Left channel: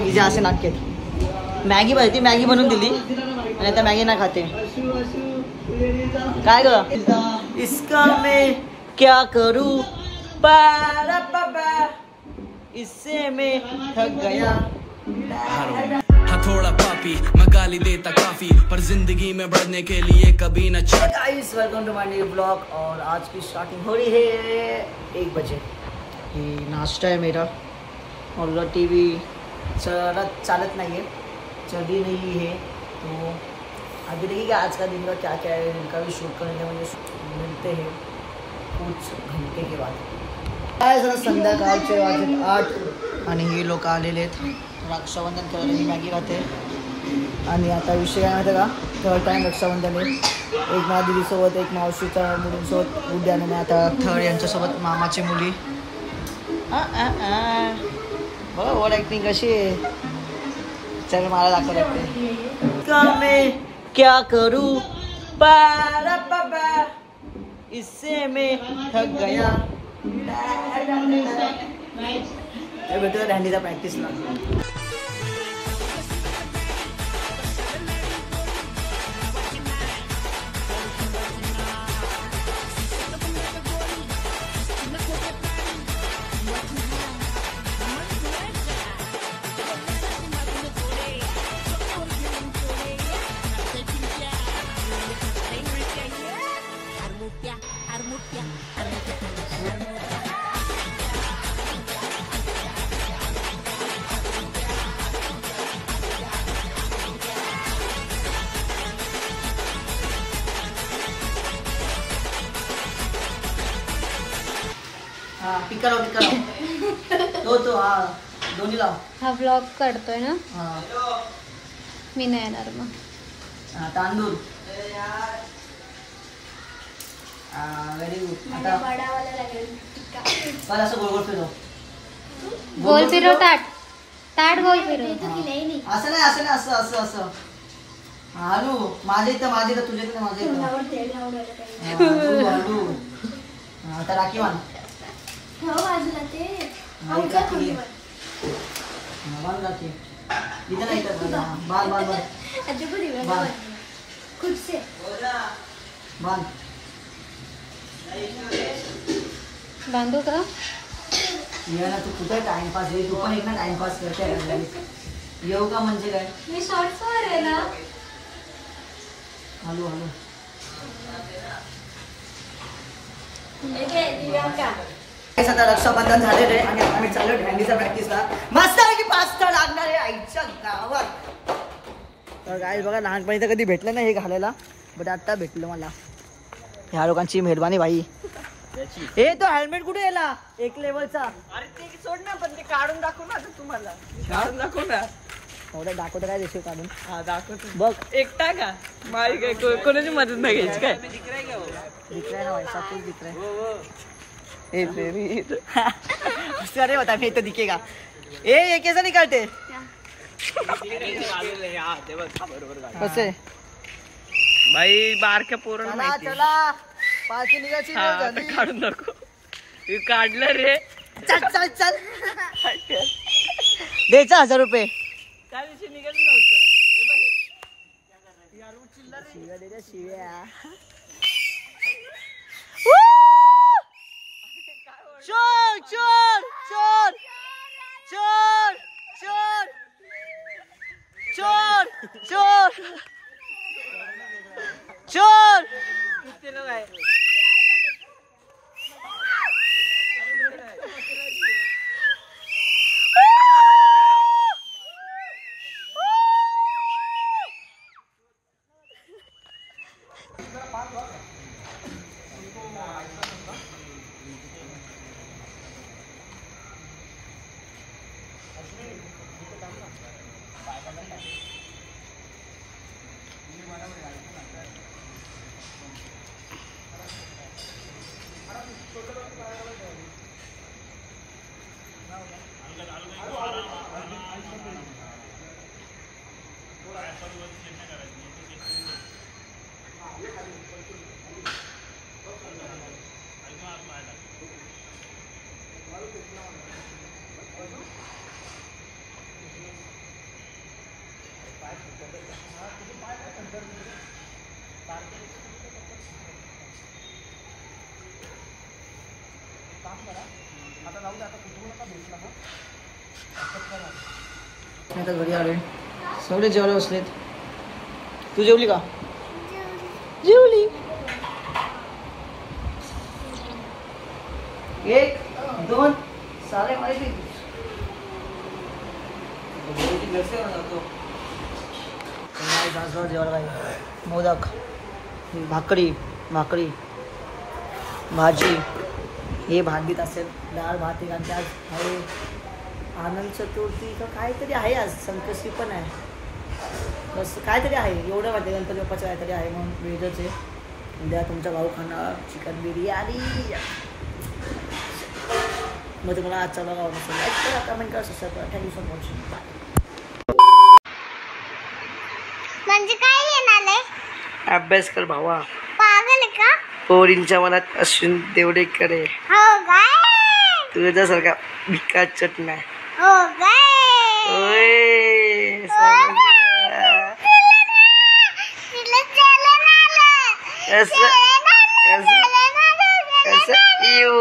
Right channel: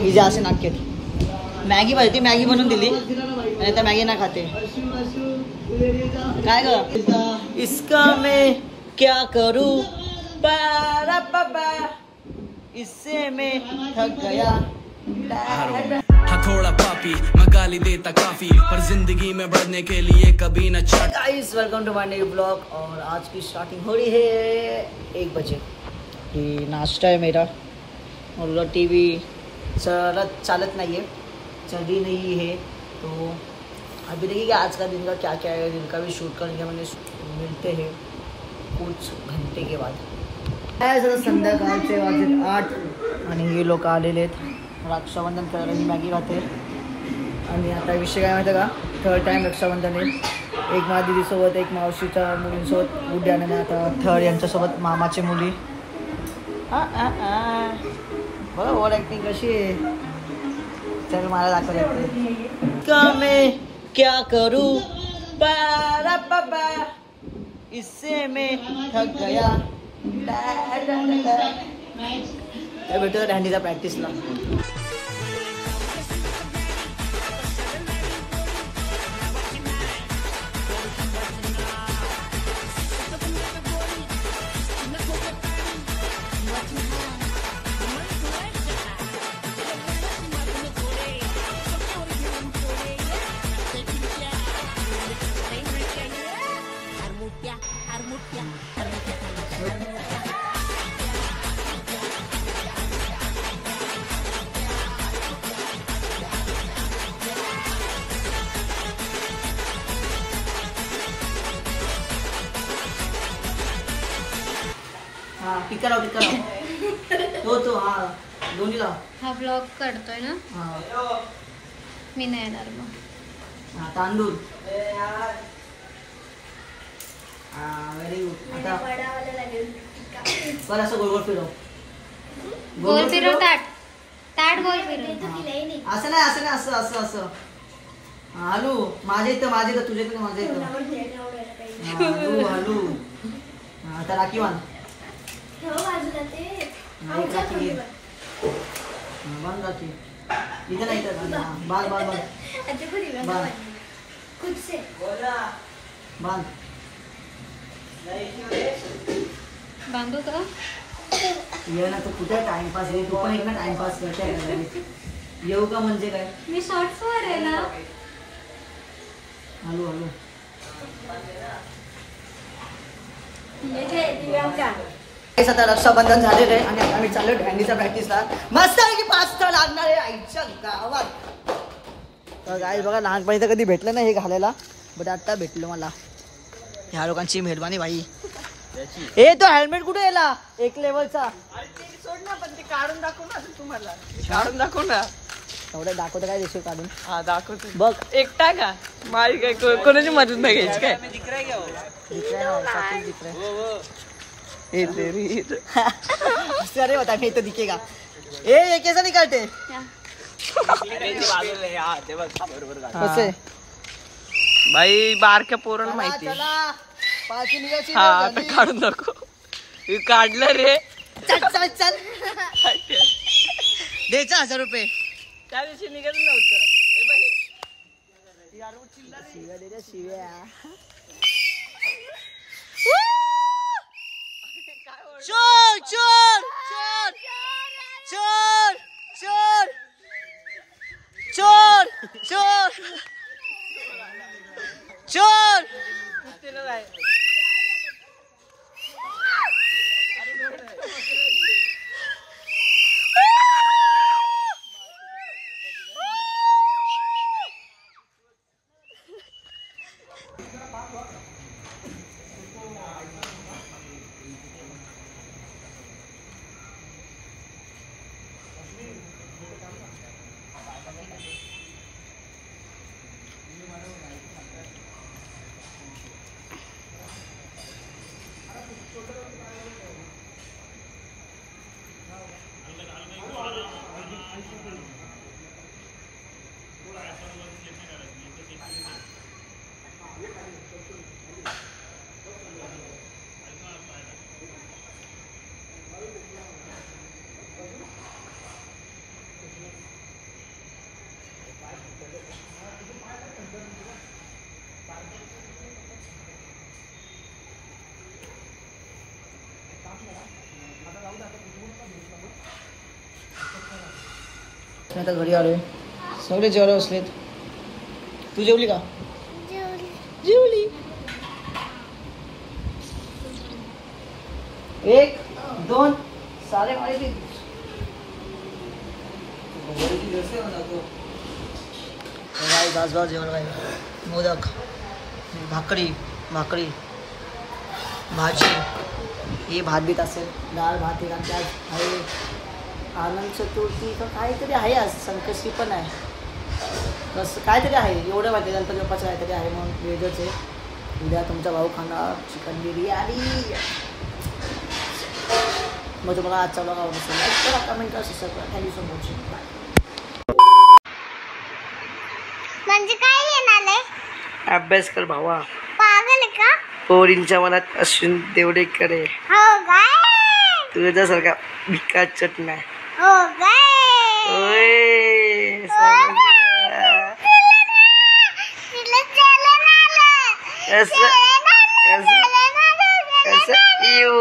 हिजे असे नाटकेत मॅगी पाहिजे मॅगी बनवून दिली आणि आता मॅगी ना खाते काय ग इसका मैं क्या करूं बारा बाबा इससे मैं थक गया थोड़ा पापी मैं गाली देता काफी पर जिंदगी में बढ़ने के लिए कभी न चढ़। Guys welcome to my new blog और आज की स्टार्टिंग हो रही है 1 बजे। ये नाश्ता है मेरा और उधर टीवी चालत नहीं है चली नहीं है तो अभी देखिए आज का दिन का क्या क्या है। दिन का भी शूट करने वाले मिलते हैं कुछ घंटे के बाद। जरा संध्याकाळचे वाजत 8 आणि हे लोक आलेले आहेत रक्षाबंधन करायला। ही मॅगी खाते आणि आता विषय काय माहिती का 3rd टाइम रक्षाबंधन आहे। एक माझ्या दिदीसोबत एक मावशीच्या मुलींसोबत उद्यान आहे आता 3rd यांच्यासोबत मामाची मुली। बघा ओव्हर ॲक्टिंग कशी आहे। चल मला दाखव लागते का मैं क्या करूं बारा बाबा इससे मैं थक गया। काय भेटतो दांडीचा प्रॅक्टिसला। टिका लाव तो हा दोन्ही लाव। हा ब्लॉग काढतोय ना हा मी नाही येणार मग। हा तांदूळ व्हेरी गुड। आता पण असं गोल गोल फिरव गोल फिरव ताट ताट गोल फिरव असं नाही असं नाही असं असं असं हालू माझ्या इथं तुझ्या इथं माझ्या इथं हालू आता राखी बांध बाजूला ते बांध राखी इथं नाही बांध बांध बांध खुद से बांध बांधू का ये ना तू कुठे टाइमपास आहे तू पण एक ना टाइमपास करते येऊ का म्हणजे काय मी शॉर्ट्स वर आहे ना। हॅलो हॅलो आता रक्षाबंधन झालेलं आहे आणि आता आम्ही चाललो ढॅंडीचा प्रॅक्टिसला। मस्त की 5 लागणार आहे आईच्या गावात। तर गाईस बघा लहानपणी तर कधी भेटलं नाही हे घालायला बट आता भेटलं मला। ह्या लोकांची मेहरबानी भाई। ए तो हेल्मेट कुठे याला 1 लेवलचा सोड ना पण ते काढून दाखव ना तुम्हाला काढून दाखव ना एवढं दाखवतं काय देशील काढून। हा दाखवतो बघ एकटा का मारी काय कोणाची मदत नाही घ्यायची काय दिख रहा है ना भाई सब कुछ दिख रहा है। ए तेरी अरे बता मैं तो दिखेगा। ये कैसा निकालते कसे भाई बारक्या पोरांना चला माहिती चला 5 निघायची हा आता काढून दाखव हे काढलं रे चल चल चल द्यायचा 1000 रुपये त्या दिवशी निघत नव्हतं शिव्या दे रे शिव्या। चोर चोर चोर चोर चोर चोर चोर चोर मी आता घरी आलोय. सगळे जेवायला बसलेत. तू जेवली का? जेवली. 1 2 सारे माहिती जेवण काय मोदक भाकरी भाजी हे भात बीत असेल डाळ भात एक आमच्या आज आहे. आनंद चतुर्थी का काहीतरी आहे आज संकष्टी पण आहे कसं काहीतरी आहे एवढं माहिती गणपती बाप्पाचं काहीतरी आहे म्हणून वेगळंच आहे. उद्या तुमचा भाऊ खाणार चिकन बिर्याणी. मग तुम्हाला आजचा ब्लॉग आवडत असेल लाईक करा कमेंट करा सबस्क्राईब करा. Thank you so much. बाय. म्हणजे काय येणार आहे? अभ्यास कर भावा. पागल का? पोरींच्या मनात असून तेवढे करे. हो काय? तुझ्यासारखा भिका चटना. हो काय? ओय कसं यू